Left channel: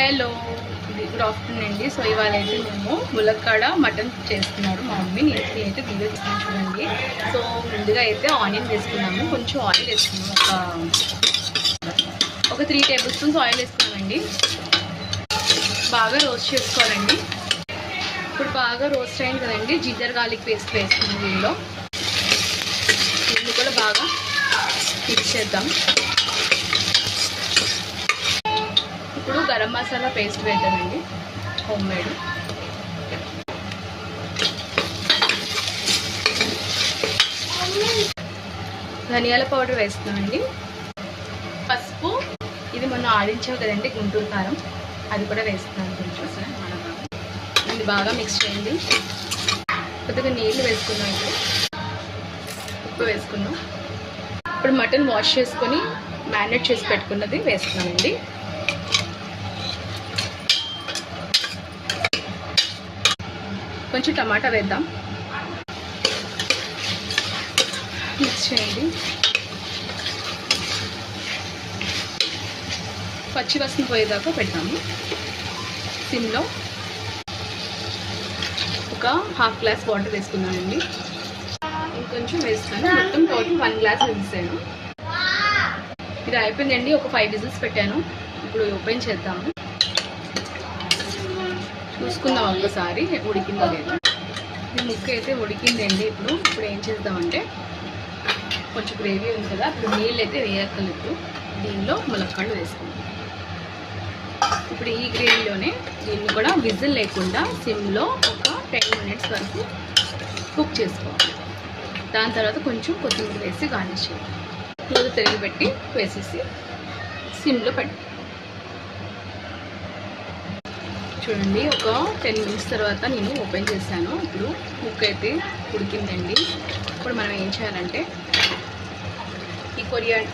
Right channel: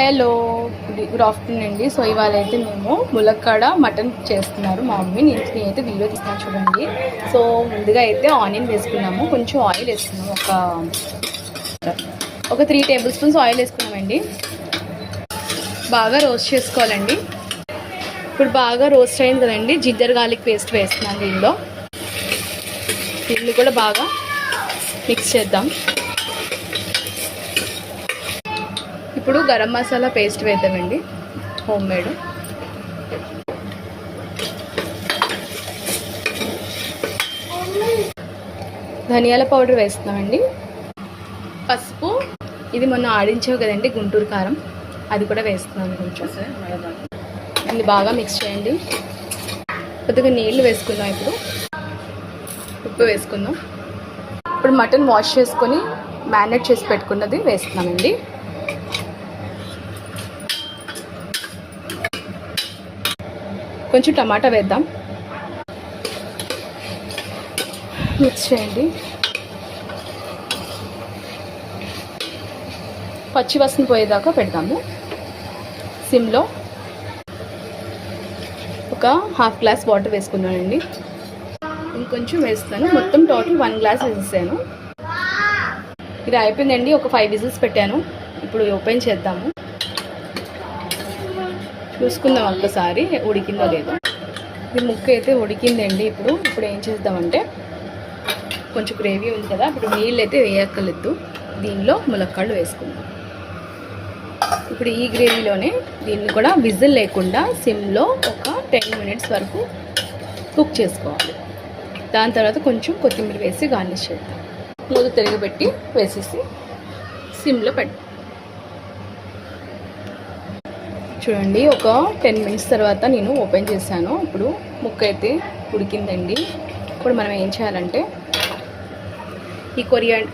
Hello, good afternoon అండి. So ఇవాళ అయితే మేము ములక్కాడ మటన్ చేస్తున్నారు మా మమ్మీ. నేనైతే వీడియో తీస్తాను చూడండి. సో ముందుగా అయితే ఆనియన్ వేసుకున్నాము, కొంచెం ఆయిల్ వేసుకున్నాము, ఒక 3 టేబుల్ స్పూన్స్ ఆయిల్ వేసుకున్నామండి. బాగా రోస్ట్ చేసుకోవాలండి. ఇప్పుడు బాగా రోస్ట్ అయింది కదండి, జింజర్ గార్లిక్ పేస్ట్ వేస్తున్నాను దీనిలో. దీన్ని కూడా బాగా మిక్స్ చేద్దాం. ఇప్పుడు గరం మసాలా పేస్ట్ వేద్దామండి, హోమ్ మేడ్. ధనియాల పౌడర్ వేస్తున్నామండి. పసుపు, ఇది మొన్న ఆడించావు కదండి గుంటూరు కారం, అది కూడా వేస్తున్నాను కొంచెం. అది బాగా మిక్స్ చేయండి. కొద్దిగా నీళ్ళు వేసుకుందాం. ఇప్పుడు ఉప్పు వేసుకుందాం. ఇప్పుడు మటన్ వాష్ చేసుకొని మ్యారినేట్ చేసి పెట్టుకున్నది వేస్తున్నామండి. కొంచెం టమాటా వేద్దాం, మిక్స్ చేయండి. పచ్చి వాసన పోయేదాకా పెడతాము సిమ్లో. ఒక ½ గ్లాస్ వాటర్ వేసుకుందామండి. ఇంకొంచెం వేస్తాను, మొత్తం టోటల్ 1 గ్లాస్ వేసేసాను. ఇది అయిపోయిందండి. ఒక 5 విజిల్స్ పెట్టాను. ఇప్పుడు ఓపెన్ చేద్దాము, చూసుకుందాం ఒక్కసారి ఉడికిందో లేదో. ఇది ముక్క అయితే ఉడికిందండి. ఇప్పుడు ఏం చేద్దామంటే, కొంచెం గ్రేవీ ఉంది కదా, ఇప్పుడు నీళ్ళు అయితే వేయక్కర్లేదు. దీనిలో ములక్కాడలు వేసుకుందాం. ఇప్పుడు ఈ గ్రేవీలోనే దీన్ని కూడా విజిల్ లేకుండా సిమ్లో ఒక 10 మినిట్స్ వరకు కుక్ చేసుకోవాలి. దాని తర్వాత కొంచెం కొత్తిమీర వేసి గార్నిష్ చేద్దాం. రోజు తిరిగిపెట్టి వేసేసి సిమ్లో పెట్టి చూడండి. ఒక 10 మినిట్స్ తర్వాత నేను ఓపెన్ చేశాను. ఇప్పుడు ముక్క అయితే ఉడికిందండి. ఇప్పుడు మనం ఏం చేయాలంటే, ఈ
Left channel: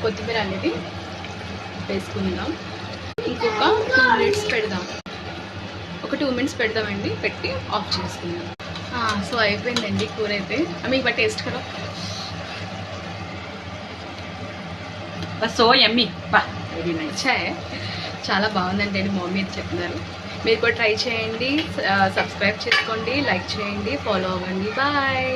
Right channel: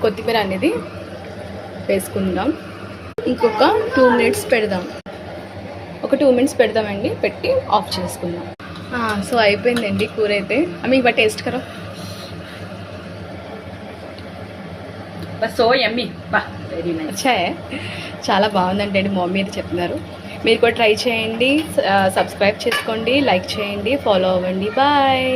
కొత్తిమీర అనేది వేసుకుందాం. ఇంకొక 2 మినిట్స్ పెడదాం. ఒక 2 మినిట్స్ పెడదామండి, పెట్టి ఆఫ్ చేసుకుందాం. సో అయిపోయిందండి కూర అయితే. మీకు బట్ టేస్ట్ కరా బస్. So yummy, very nice. చాలా బాగుందండి మా మమ్మీ అయితే చెప్తున్నారు. మీరు కూడా ట్రై చేయండి, సబ్స్క్రైబ్ చేసుకోండి, లైక్ చేయండి, ఫాలో అవ్వండి. బాయ్.